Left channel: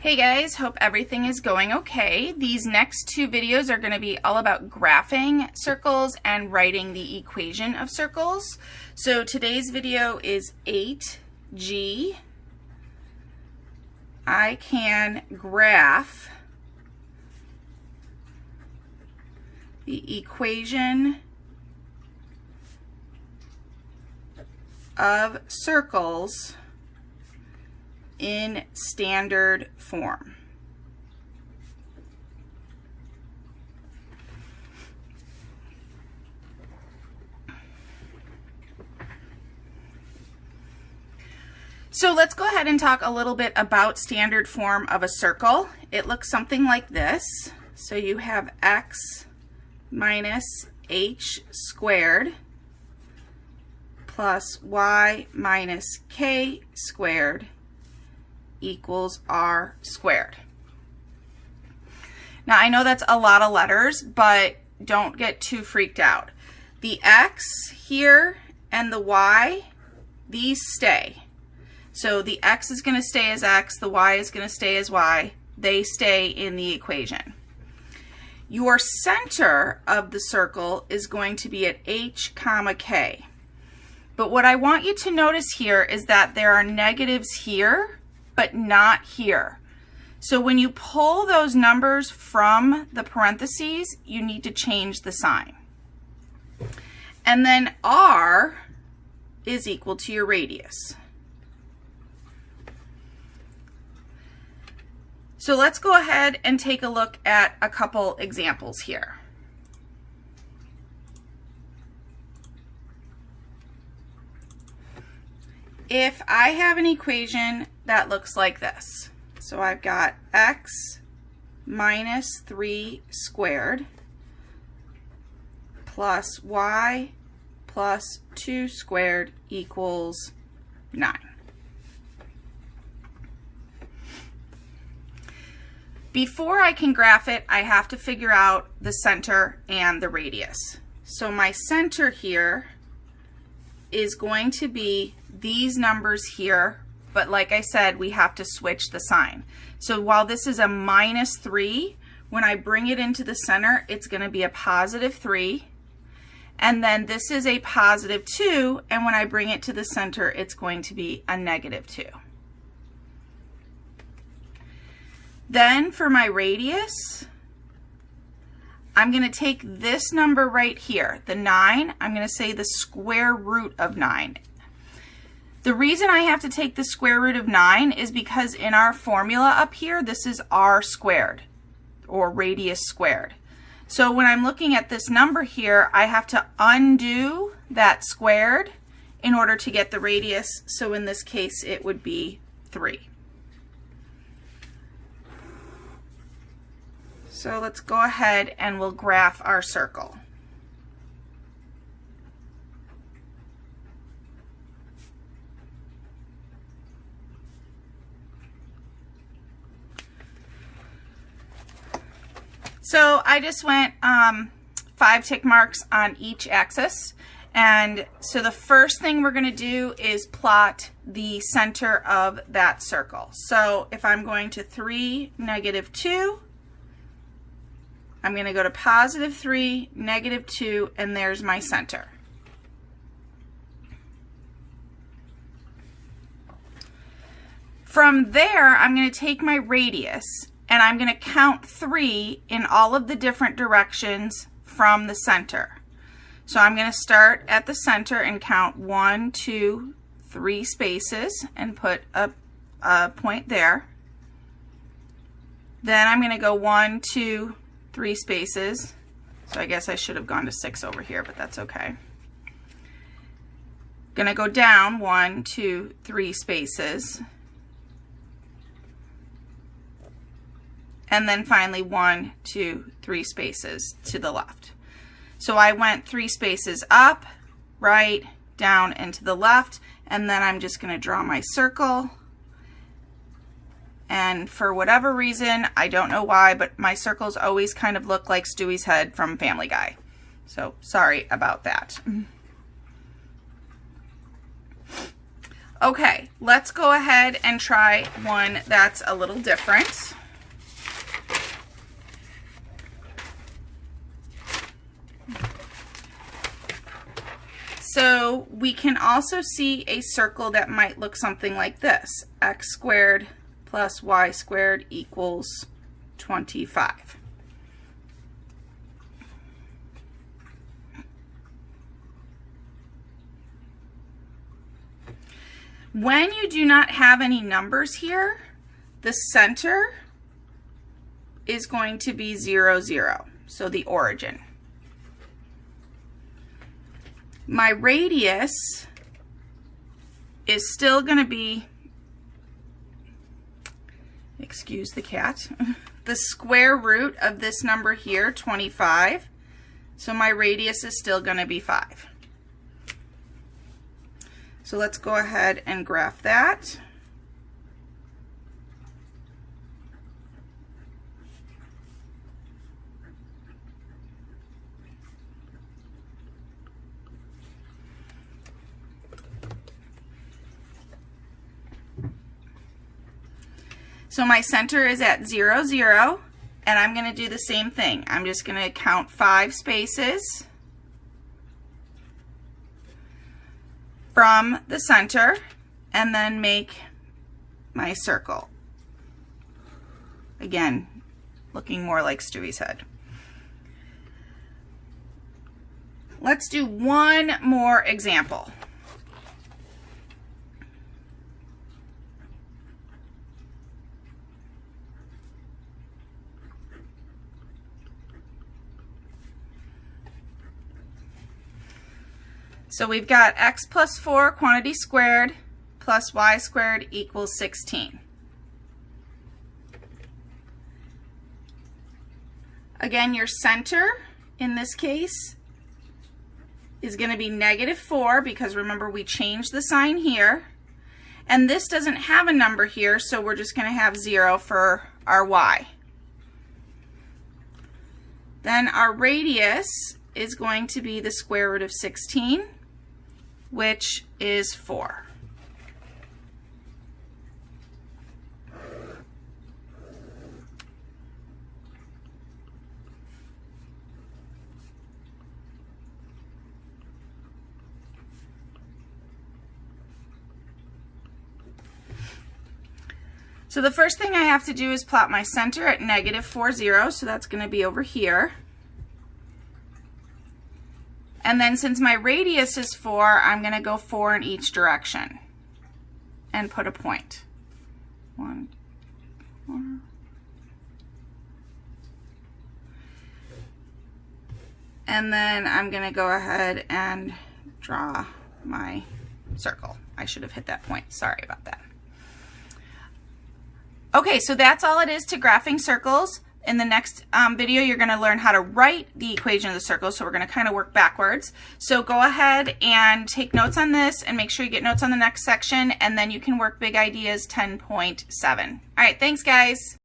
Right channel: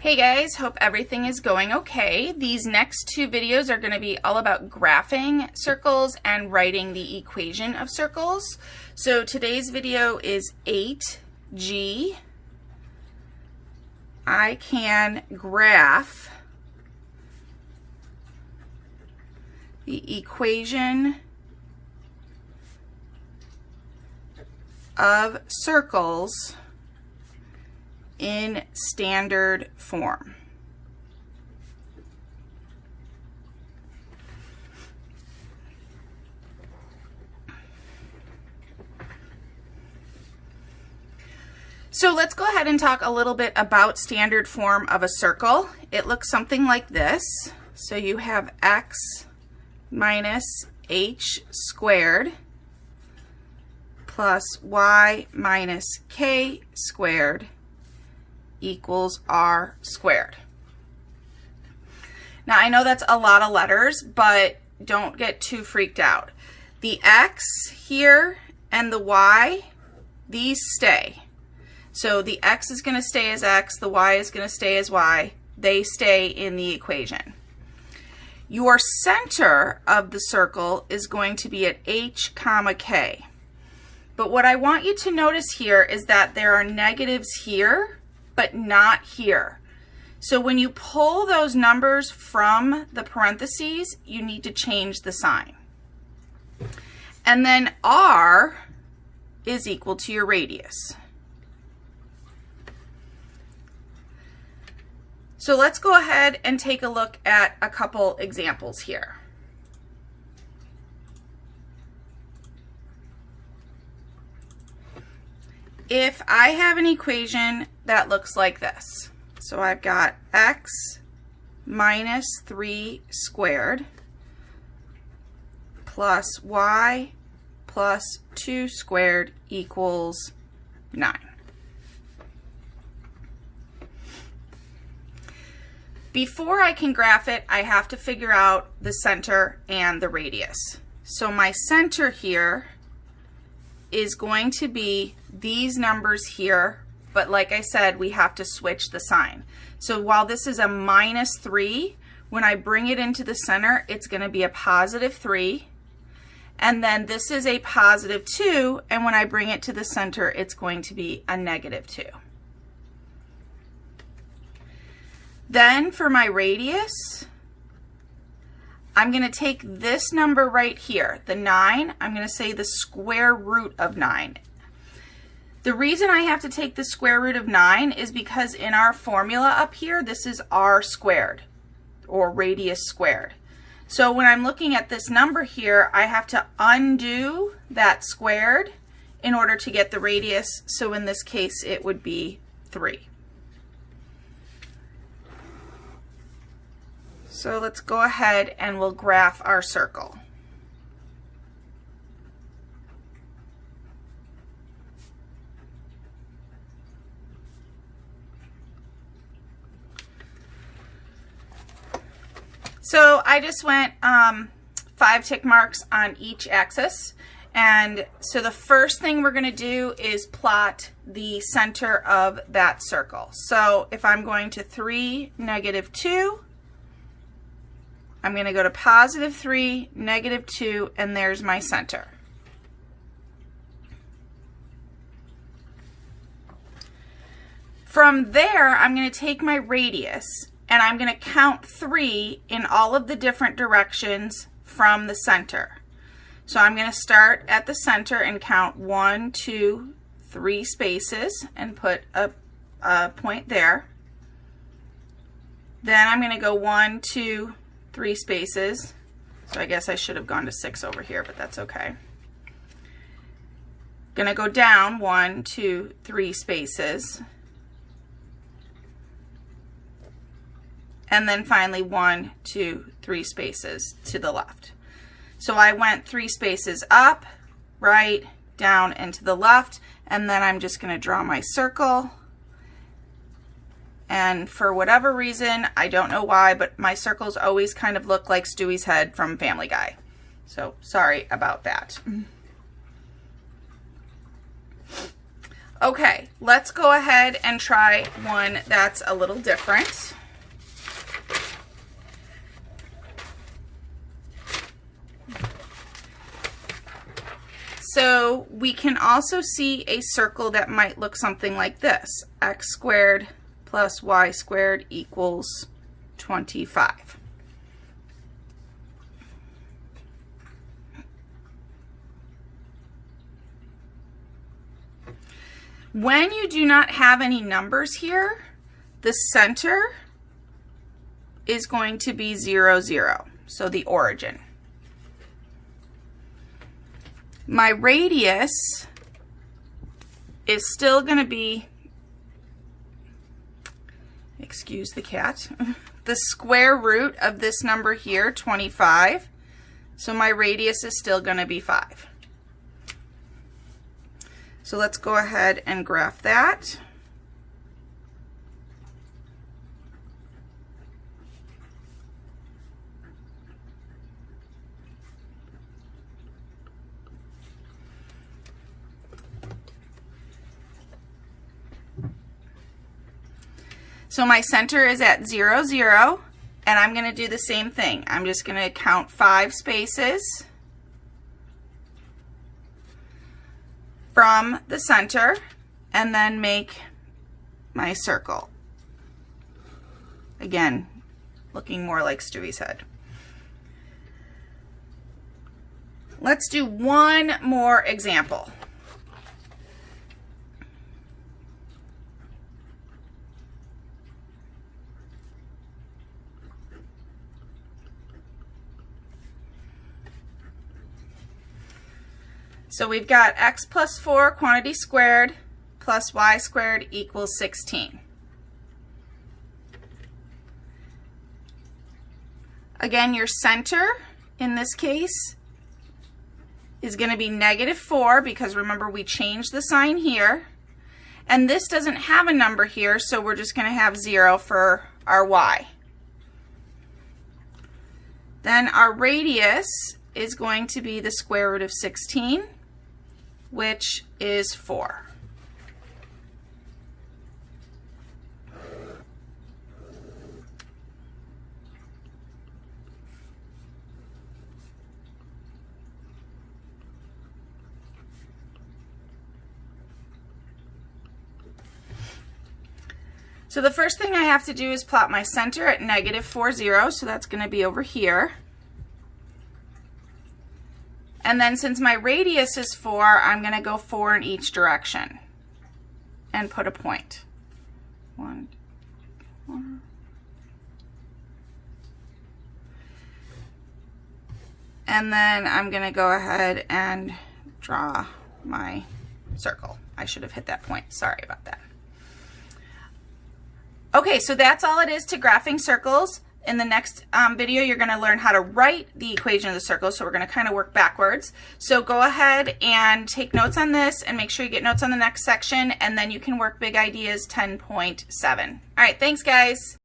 Hey guys, hope everything is going okay. These next two videos are going to be all about graphing circles and writing the equation of circles. So today's video is 8G. I can graph the equation of circles in standard form. So let's go ahead and talk a little bit about standard form of a circle. It looks something like this. So you have x minus h squared plus y minus k squared equals r squared. Now I know that's a lot of letters, but don't get too freaked out. The x here and the y, these stay. So the x is going to stay as x, the y is going to stay as y. They stay in the equation. Your center of the circle is going to be at h comma k. But what I want you to notice here is that there are negatives here, but not here. So when you pull those numbers from the parentheses, you need to change the sign. And then r is equal to your radius. So let's go ahead and take a look at a couple examples here. If I have an equation that looks like this, so I've got x minus 3 squared plus y plus 2 squared equals 9. Before I can graph it, I have to figure out the center and the radius. So my center here is going to be these numbers here, but like I said, we have to switch the sign. So while this is a minus 3, when I bring it into the center, it's going to be a positive 3. And then this is a positive 2, and when I bring it to the center, it's going to be a negative 2. Then for my radius, I'm going to take this number right here, the 9, I'm going to say the square root of 9. The reason I have to take the square root of 9 is because in our formula up here, this is r squared, or radius squared. So when I'm looking at this number here, I have to undo that squared in order to get the radius. So in this case, it would be 3. So let's go ahead and we'll graph our circle. So I just went 5 tick marks on each axis. And so the first thing we're going to do is plot the center of that circle. So if I'm going to 3, negative 2, I'm going to go to positive 3, negative 2, and there's my center. From there, I'm going to take my radius and I'm going to count 3 in all of the different directions from the center. So I'm going to start at the center and count 1, 2, 3 spaces and put a point there. Then I'm going to go 1, 2, 3 spaces. So I guess I should have gone to 6 over here, but that's okay. Gonna go down 1, 2, 3 spaces. And then finally 1, 2, 3 spaces to the left. So I went 3 spaces up, right, down, and to the left, and then I'm just gonna draw my circle. And for whatever reason, I don't know why, but my circles always kind of look like Stewie's head from Family Guy. So sorry about that. Okay, let's go ahead and try one that's a little different. So we can also see a circle that might look something like this. X squared plus y squared equals 25. When you do not have any numbers here, the center is going to be 0, 0, so the origin. My radius is still going to be, excuse the cat, the square root of this number here, 25. So my radius is still going to be 5. So let's go ahead and graph that. So my center is at 0, 0, and I'm going to do the same thing. I'm just going to count 5 spaces from the center and then make my circle. Again, looking more like Stewie's head. Let's do one more example. So we've got x plus 4 quantity squared plus y squared equals 16. Again, your center in this case is going to be -4 because remember we changed the sign here. And this doesn't have a number here, so we're just going to have 0 for our y. Then our radius is going to be the square root of 16. Which is 4. So the first thing I have to do is plot my center at -4, 0, so that's going to be over here. And then since my radius is 4, I'm going to go 4 in each direction and put a point. 1, 4. And then I'm going to go ahead and draw my circle. I should have hit that point. Sorry about that. Okay, so that's all it is to graphing circles. In the next video, you're going to learn how to write the equation of the circle, so we're going to kind of work backwards. So go ahead and take notes on this and make sure you get notes on the next section, and then you can work big ideas 10.7. All right, thanks guys.